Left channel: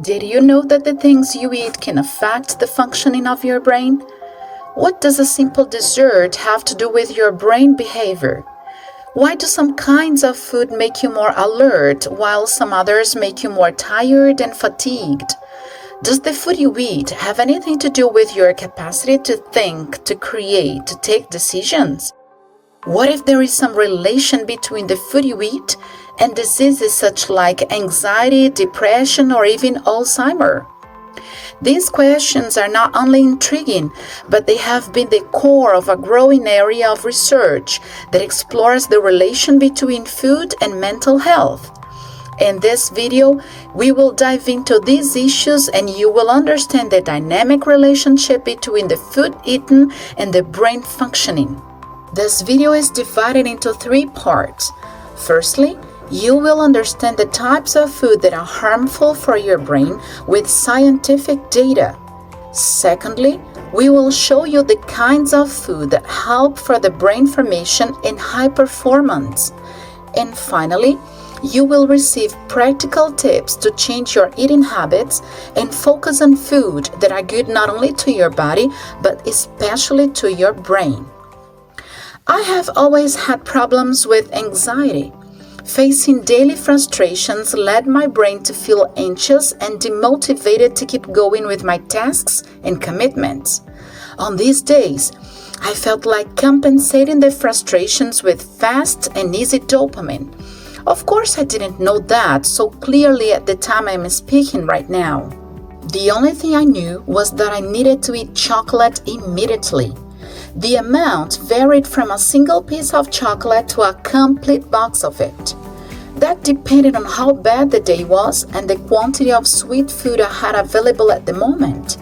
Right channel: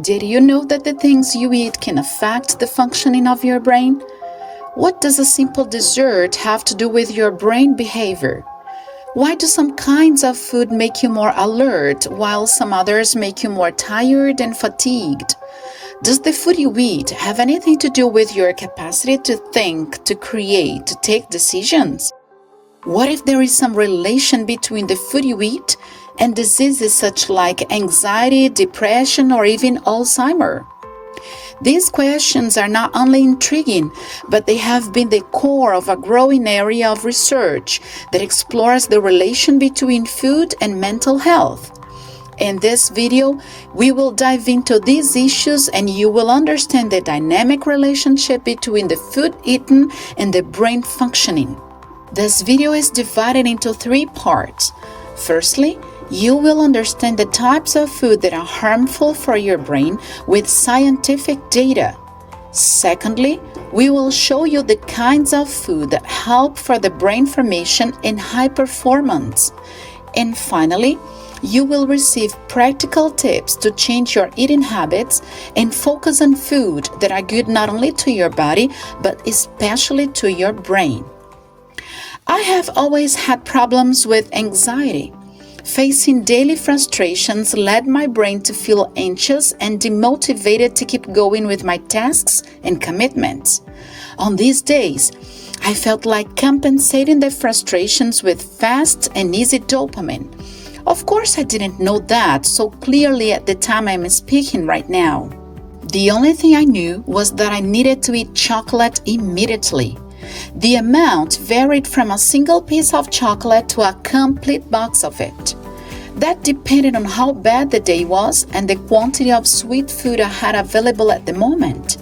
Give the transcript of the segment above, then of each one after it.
Did you know that the things you eat can affect the functioning of your brain? What does a simple dessert have to do with your brain behavior? Why do some kinds of food make you more alert while some others make you more tired and fatigued? Does the food you eat have anything to do with your capacity to think, to create, to take decisions? What if there is some relation between the food you eat and diseases such like anxiety, depression, or even Alzheimer's? These questions are not only intriguing, but they have been the core of a growing area of research that explores the relation between food and mental health. In this video, we will dive into these issues and you will understand the dynamic relationship between the food eaten and the brain functioning. This video is divided into 3 parts. Firstly, you will understand the types of food that are harmful for your brain with scientific data. Secondly, we will show you the kinds of food that help for the brain formation and high performance. And finally, you will receive practical tips to change your eating habits and focus on food that are good not only to your body, but especially to your brain. I have always had problems with anxiety. Facing daily frustrations led my brain to feel anxious and demotivated to keep going with my tasks and commitments. On these days, I felt like compensating the frustrations with fast and easy dopamine. Of course, I didn't know that so clearly at the time I'm speaking right now. The only thing I knew was that I needed to eat chocolate immediately. The amount varied from a single piece of chocolate to a complete box of it. That depended on how bad the day was and the quantity of sweet food I had available at the moment.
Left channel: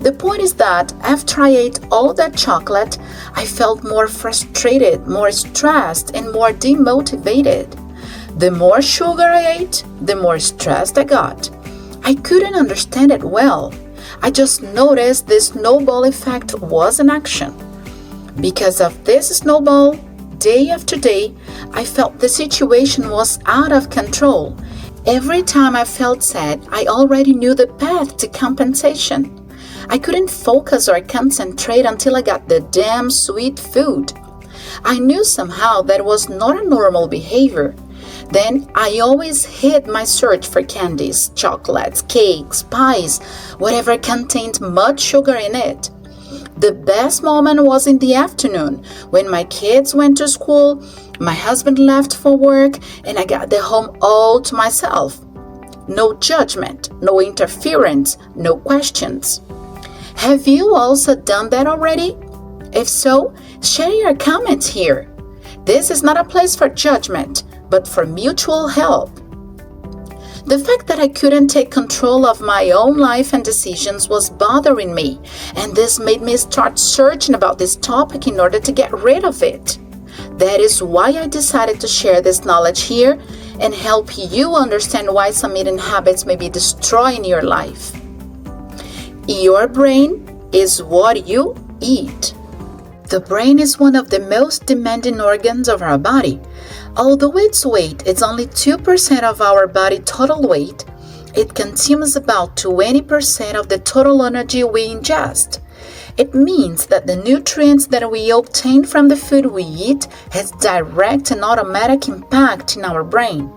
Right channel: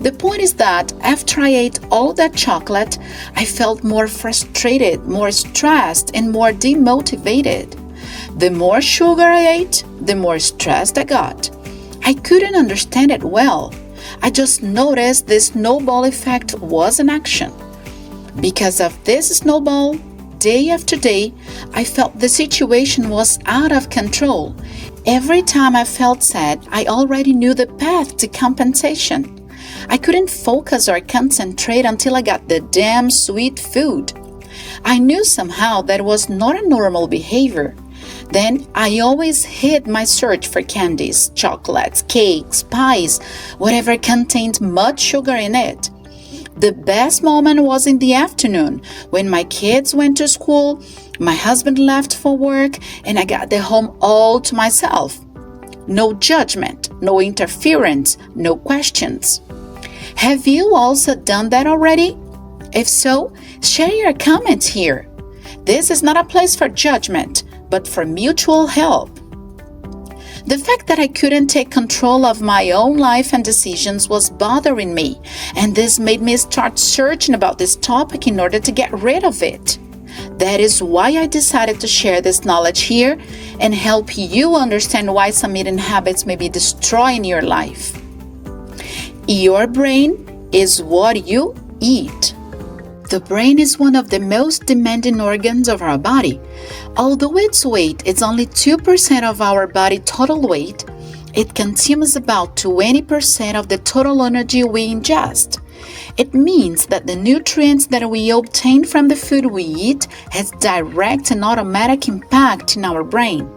The point is that after I ate all that chocolate, I felt more frustrated, more stressed, and more demotivated. The more sugar I ate, the more stressed I got. I couldn't understand it well. I just noticed the snowball effect was in action. Because of this snowball, day after day, I felt the situation was out of control. Every time I felt sad, I already knew the path to compensation. I couldn't focus or concentrate until I got the damn sweet food. I knew somehow that was not a normal behavior. Then I always hid my search for candies, chocolates, cakes, pies, whatever contained much sugar in it. The best moment was in the afternoon when my kids went to school, my husband left for work, and I got the home all to myself. No judgment, no interference, no questions. Have you also done that already? If so, share your comments here. This is not a place for judgment, but for mutual help. The fact that I couldn't take control of my own life and decisions was bothering me, and this made me start searching about this topic in order to get rid of it. That is why I decided to share this knowledge here and help you understand why some eating habits may be destroying your life. Your brain is what you eat. The brain is one of the most demanding organs of our body. Although its weight is only 2% of our body total weight, it consumes about 20% of the total energy we ingest. It means that the nutrients that we obtain from the food we eat has direct and automatic impact in our brain.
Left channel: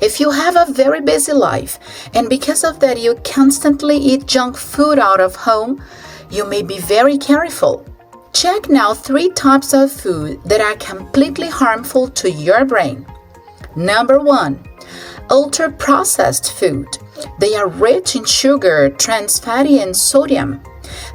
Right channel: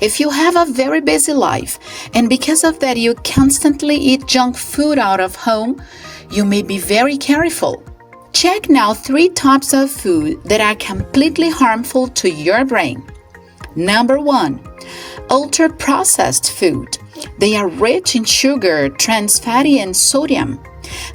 If you have a very busy life, and because of that you constantly eat junk food out of home, you may be very careful. Check now 3 types of food that are completely harmful to your brain. Number 1, ultra-processed food. They are rich in sugar, trans fatty, and sodium.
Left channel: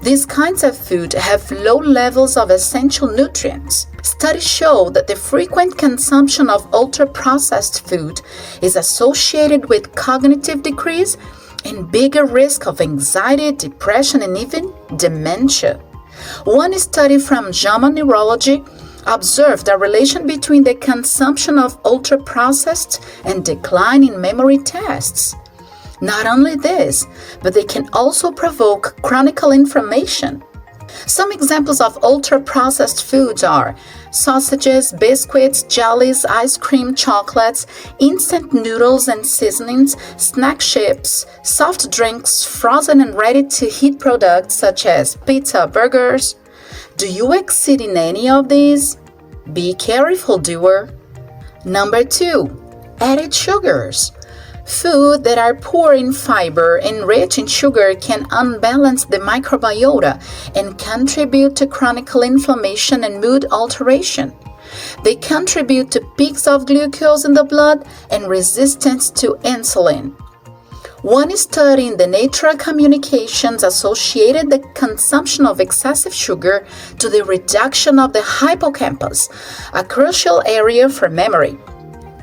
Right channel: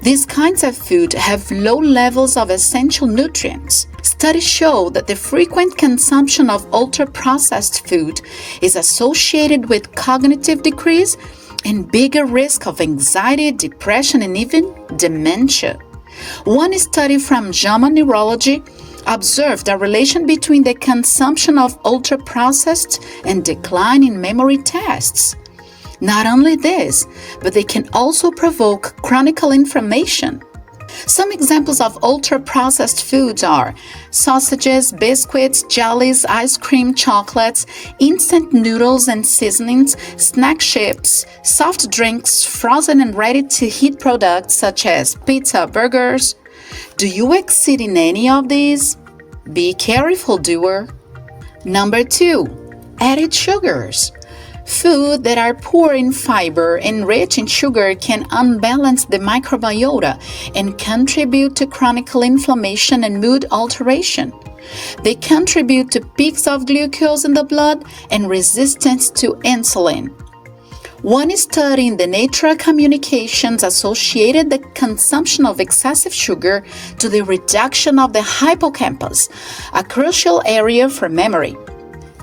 These kinds of food have low levels of essential nutrients. Studies show that the frequent consumption of ultra-processed food is associated with cognitive decrease and bigger risk of anxiety, depression, and even dementia. One study from JAMA Neurology observed a relation between the consumption of ultra-processed and decline in memory tests. Not only this, but they can also provoke chronic inflammation. Some examples of ultra-processed foods are sausages, biscuits, jellies, ice cream, chocolates, instant noodles and seasonings, snack chips, soft drinks, frozen and ready-to-eat products such as pizza, burgers. Do you exceed in any of these? Be careful, doer. Number 2, added sugars. Food that are poor in fiber and rich in sugar can unbalance the microbiota and contribute to chronic inflammation and mood alteration. They contribute to peaks of glucose in the blood and resistance to insulin. One study in the Nature Communications associated the consumption of excessive sugar to the reduction of the hippocampus, a crucial area for memory.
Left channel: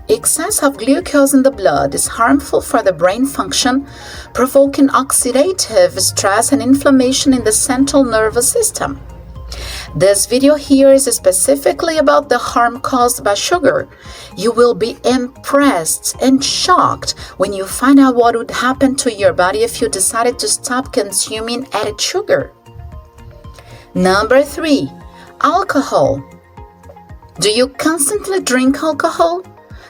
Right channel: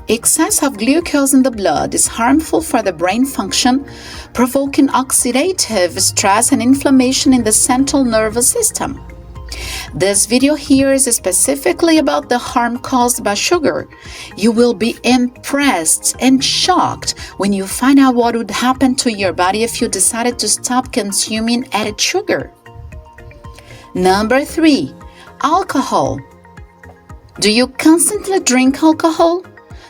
Excess of glucose in the blood is harmful for the brain function, provoking oxidative stress and inflammation in the central nervous system. This video here is specifically about the harm caused by sugar. You will be impressed and shocked when you find out what would happen to your body if you decided to stop consuming added sugar. Number 3, alcohol. Do you constantly drink alcohol?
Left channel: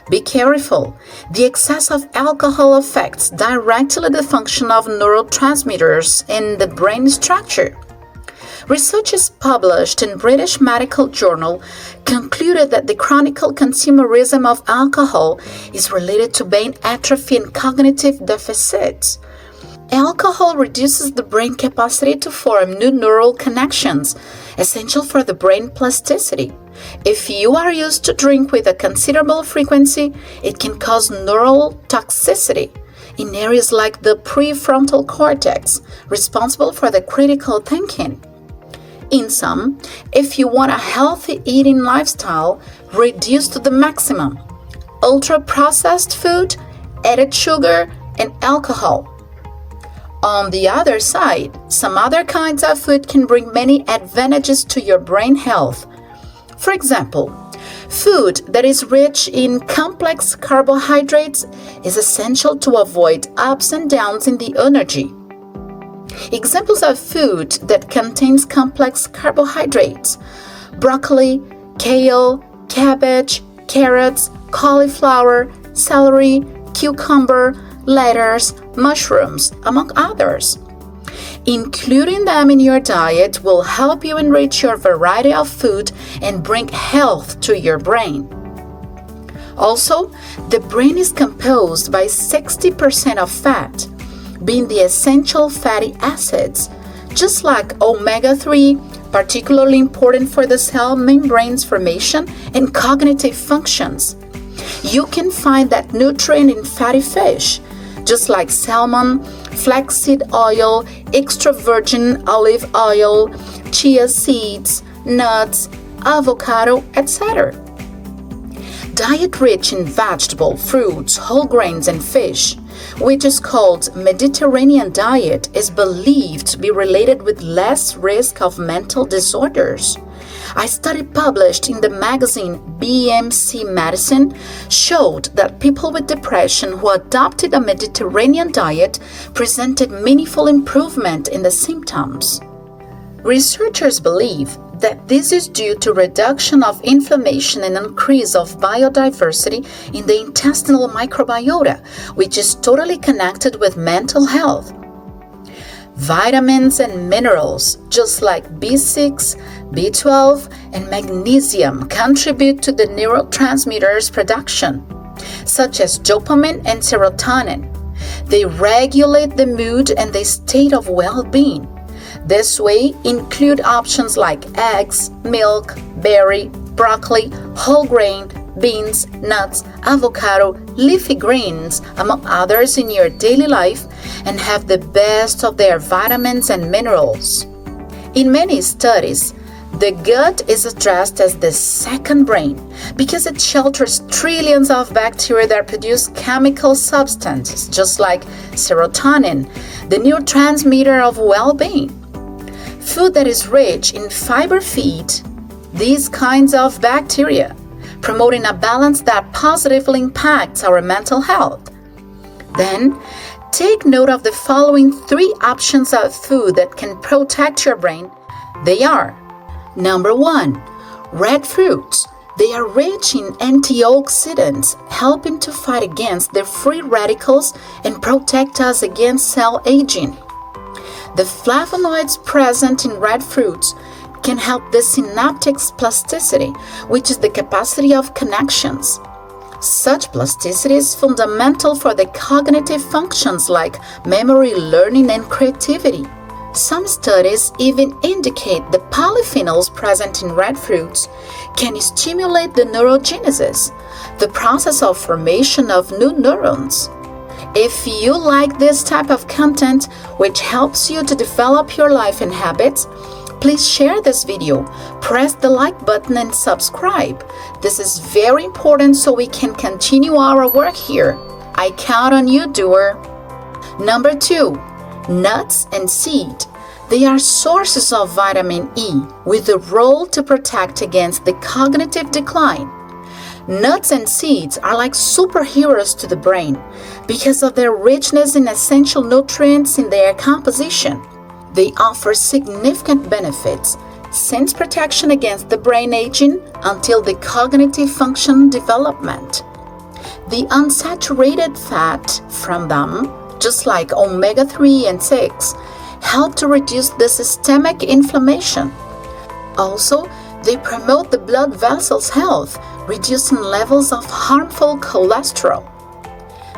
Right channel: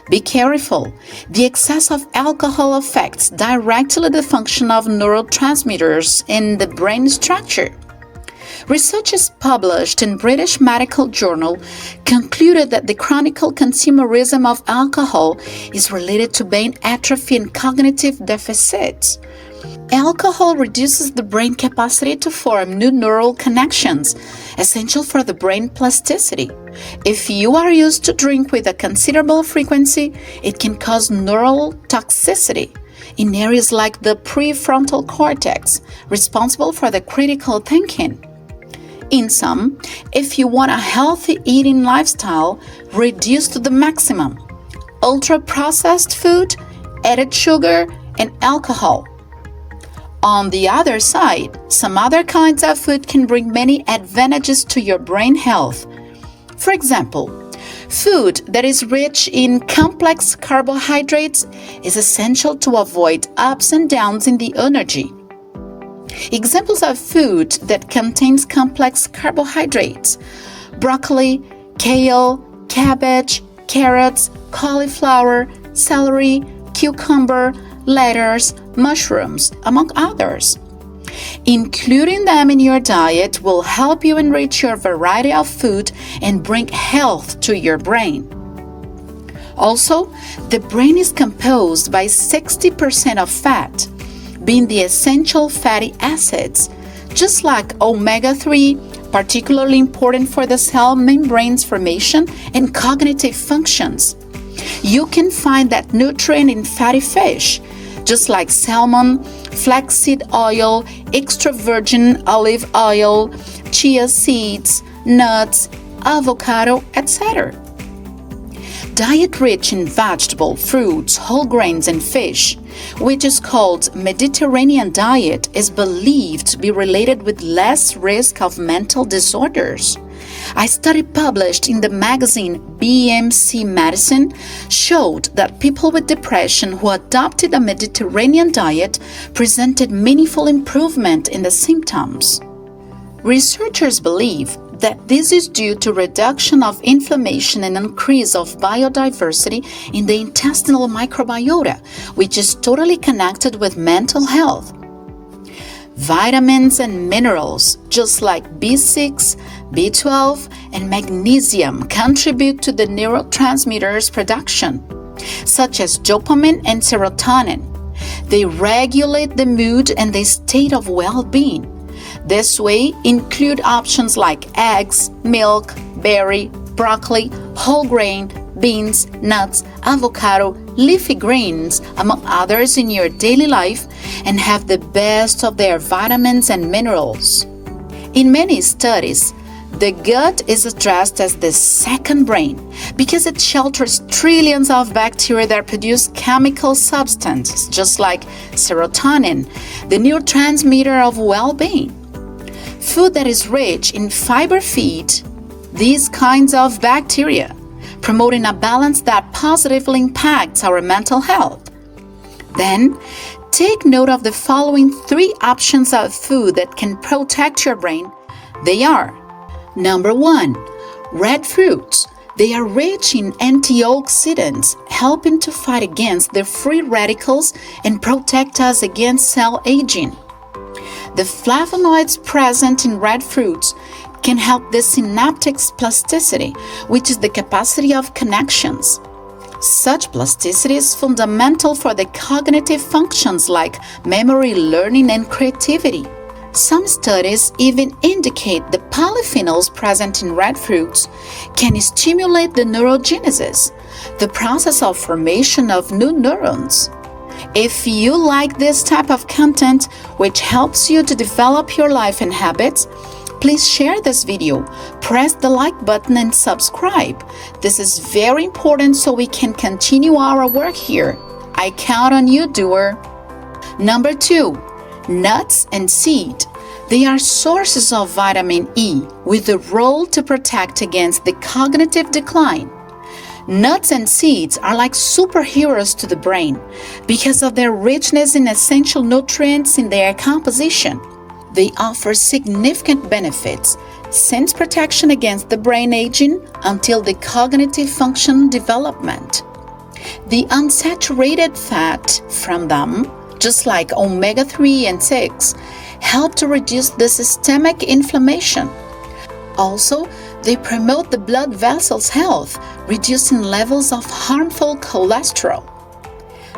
Be careful. The excess of alcohol affects directly the function of neurotransmitters in the brain structure. Researchers published in British Medical Journal concluded that the chronic consumerism of alcohol is related to brain atrophy and cognitive deficits. Alcohol reduces the brain capacity to form new neural connections, essential for the brain plasticity. If you are used to drink with a considerable frequency, it can cause neural toxicity in areas like the prefrontal cortex, responsible for the critical thinking. In sum, if you want a healthy eating lifestyle, reduce to the maximum ultra-processed food, added sugar, and alcohol. On the other side, some other kinds of food can bring many advantages to your brain health. For example, food that is rich in complex carbohydrates is essential to avoid ups and downs in the energy. Examples of food that contains complex carbohydrates: broccoli, kale, cabbage, carrots, cauliflower, celery, cucumber, lettuce, mushrooms, among others. Including them in your diet will help you enrich your variety of food and bring health to your brain. Also, the brain is composed by 60% of fat, being the essential fatty acids, just like omega-3, particularly important for the cell membrane's formation and cognitive functions. You can find that nutrient in fatty fish, just like salmon, flaxseed oil, extra virgin olive oil, chia seeds, nuts, avocado, etc. Diet rich in vegetable, fruits, whole grains, and fish, which is called Mediterranean diet, is believed to be related with less risk of mental disorders. A study published in the magazine BMC Medicine showed that people with depression who adopted a Mediterranean diet presented meaningful improvement in the symptoms. Researchers believe that this is due to reduction of inflammation and increase of biodiversity in the intestinal microbiota, which is totally connected with mental health. Vitamins and minerals, just like B6, B12, and magnesium, contribute to the neurotransmitters production, such as dopamine and serotonin. They regulate the mood and the state of well-being. This way, include options like eggs, milk, berry, broccoli, whole grain, beans, nuts, avocado, leafy greens, among others in your daily life, and have the best of their vitamins and minerals. In many studies, the gut is addressed as the second brain because it shelters trillions of bacteria that produce chemical substances, just like serotonin, the neurotransmitter of well-being. Food that is rich in fiber feeds these kinds of bacteria, promoting a balance that positively impacts our mental health. Then, take note of the following 3 options of food that can protect your brain They are: number 1, red fruits. They are rich in antioxidants, helping to fight against the free radicals and protect us against cell aging. The flavonoids present in red fruits can help the synaptic plasticity, which is the capacity of connections. Such plasticity is fundamental for the cognitive functions like memory, learning, and creativity. Some studies even indicate the polyphenols present in red fruits can stimulate the neurogenesis, the process of formation of new neurons. If you like this type of content, which helps you to develop your life and habits, please share this video, press the like button and subscribe. This is very important so we can continue our work here. I count on you, doer. Number 2, nuts and seed. They are sources of vitamin E with the role to protect against the cognitive decline. Nuts and seeds are like superheroes to the brain because of their richness in essential nutrients in their composition. They offer significant benefits, since protection against the brain aging until the cognitive function development. The unsaturated fat from them, just like omega-3 and 6, help to reduce the systemic inflammation. Also, they promote the blood vessels' health, reducing levels of harmful cholesterol.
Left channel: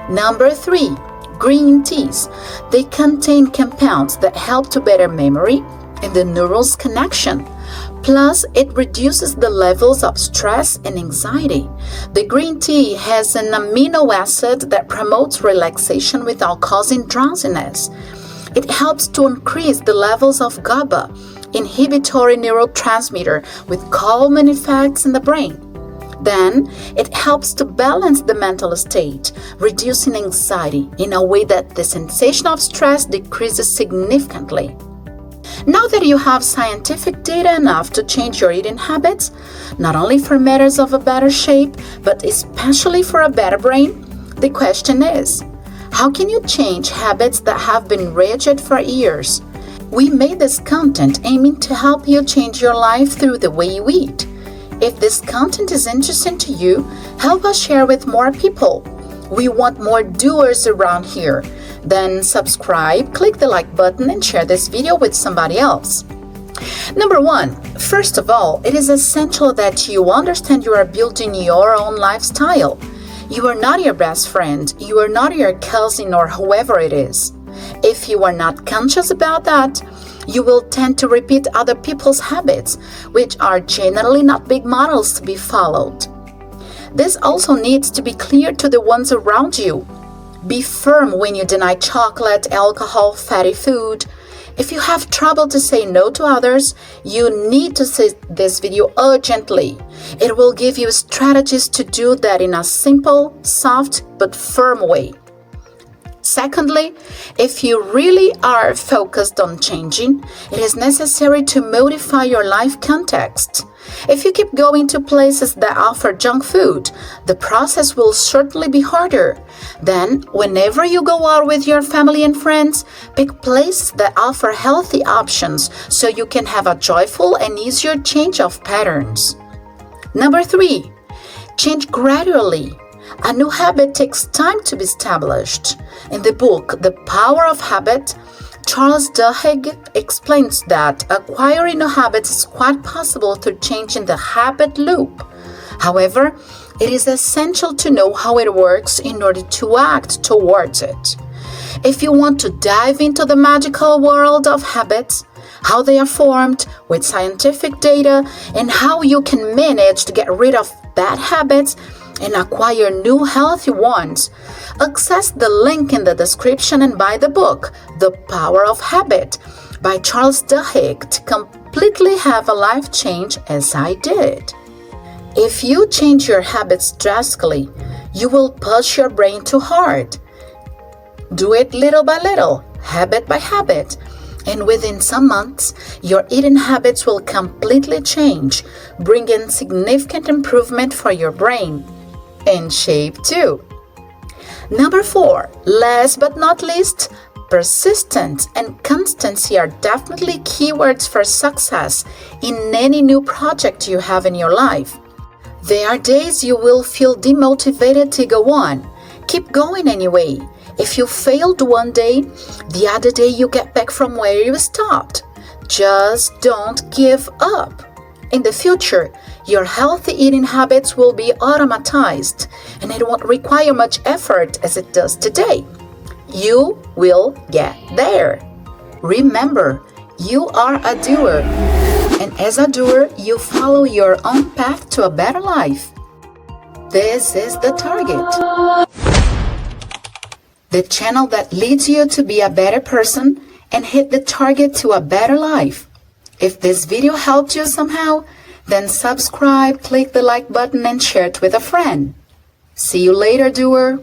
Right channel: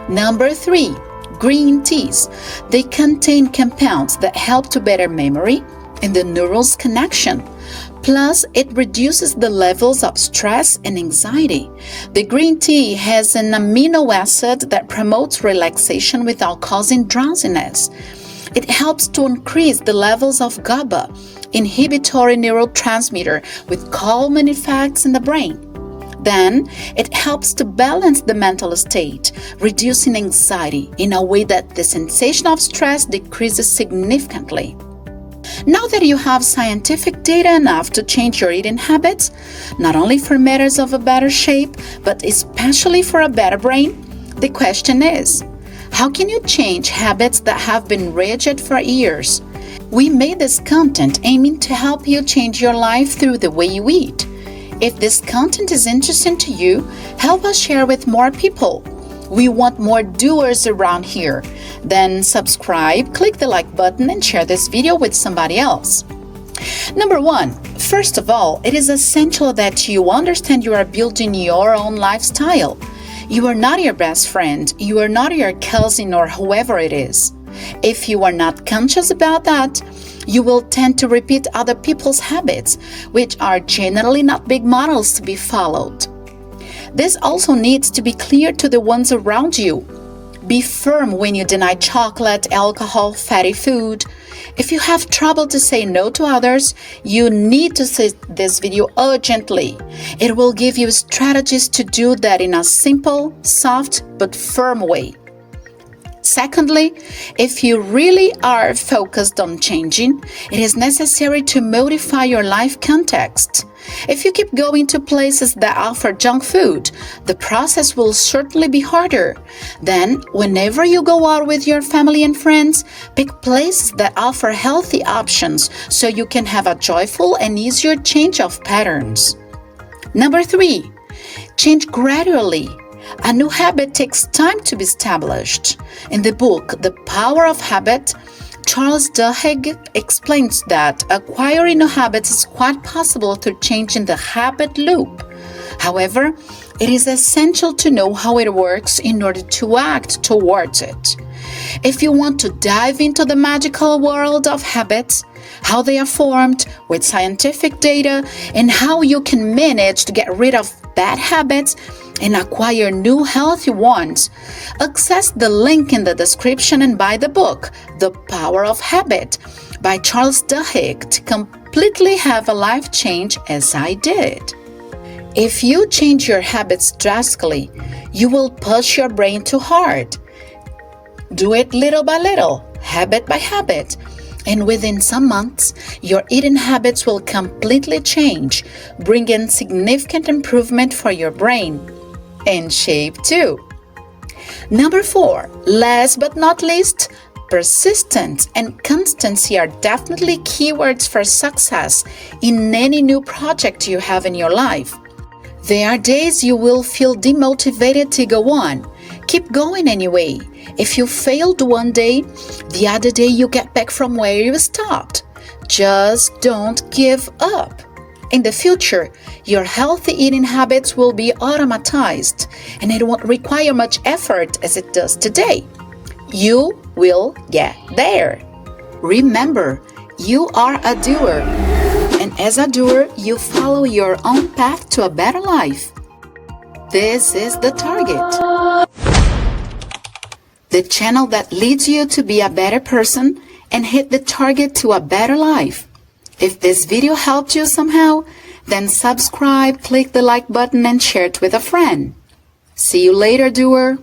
Number 3, green teas. They contain compounds that help to better memory and the neurons' connection. Plus, it reduces the levels of stress and anxiety. The green tea has an amino acid that promotes relaxation without causing drowsiness. It helps to increase the levels of GABA, inhibitory neurotransmitter with calming effects in the brain. Then, it helps to balance the mental state, reducing anxiety in a way that the sensation of stress decreases significantly. Now that you have scientific data enough to change your eating habits, not only for matters of a better shape, but especially for a better brain, the question is, how can you change habits that have been rigid for years? We made this content aiming to help you change your life through the way you eat. If this content is interesting to you, help us share with more people. We want more doers around here. Then subscribe, click the like button, and share this video with somebody else. Number 1, first of all, it is essential that you understand you are building your own lifestyle. You are not your best friend, you are not your cousin or whoever it is. If you are not conscious about that, you will tend to repeat other people's habits, which are generally not big models to be followed. This also needs to be clear to the ones around you. Be firm when you deny chocolate, alcohol, fatty food. If you have trouble to say no to others, you need to see this video urgently. It will give you strategies to do that in a simple, soft, but firm way. Secondly, if you really are focused on changing, it is necessary to modify your life context. If you keep going to places that offer junk food, the process will certainly be harder. Then, whenever you go out with your family and friends, pick places that offer healthy options so you can have a joyful and easier change of patterns. Number 3, change gradually. A new habit takes time to be established. In the book, The Power of Habit, Charles Duhigg explains that acquiring new habits is quite possible through changing the habit loop. However, it is essential to know how it works in order to act towards it. If you want to dive into the magical world of habits, how they are formed with scientific data, and how you can manage to get rid of bad habits and acquire new healthy ones, access the link in the description and buy the book, The Power of Habit, by Charles Duhigg, to completely have a life change as I did. If you change your habits drastically, you will push your brain too hard. Do it little by little, habit by habit, and within some months, your eating habits will completely change, bringing significant improvement for your brain and shape too. Number 4, last but not least, Persistence and constancy are definitely keywords for success in any new project you have in your life. There are days you will feel demotivated to go on. Keep going anyway. If you failed one day, the other day you get back from where you stopped. Just don't give up. In the future, your healthy eating habits will be automatized, and it won't require much effort as it does today. You will get there. Remember, you are a doer, and as a doer, you follow your own path to a better life. This is the target. The channel that leads you to be a better person and hit the target to a better life. If this video helped you somehow, then subscribe, click the like button, and share it with a friend. See you later, doer.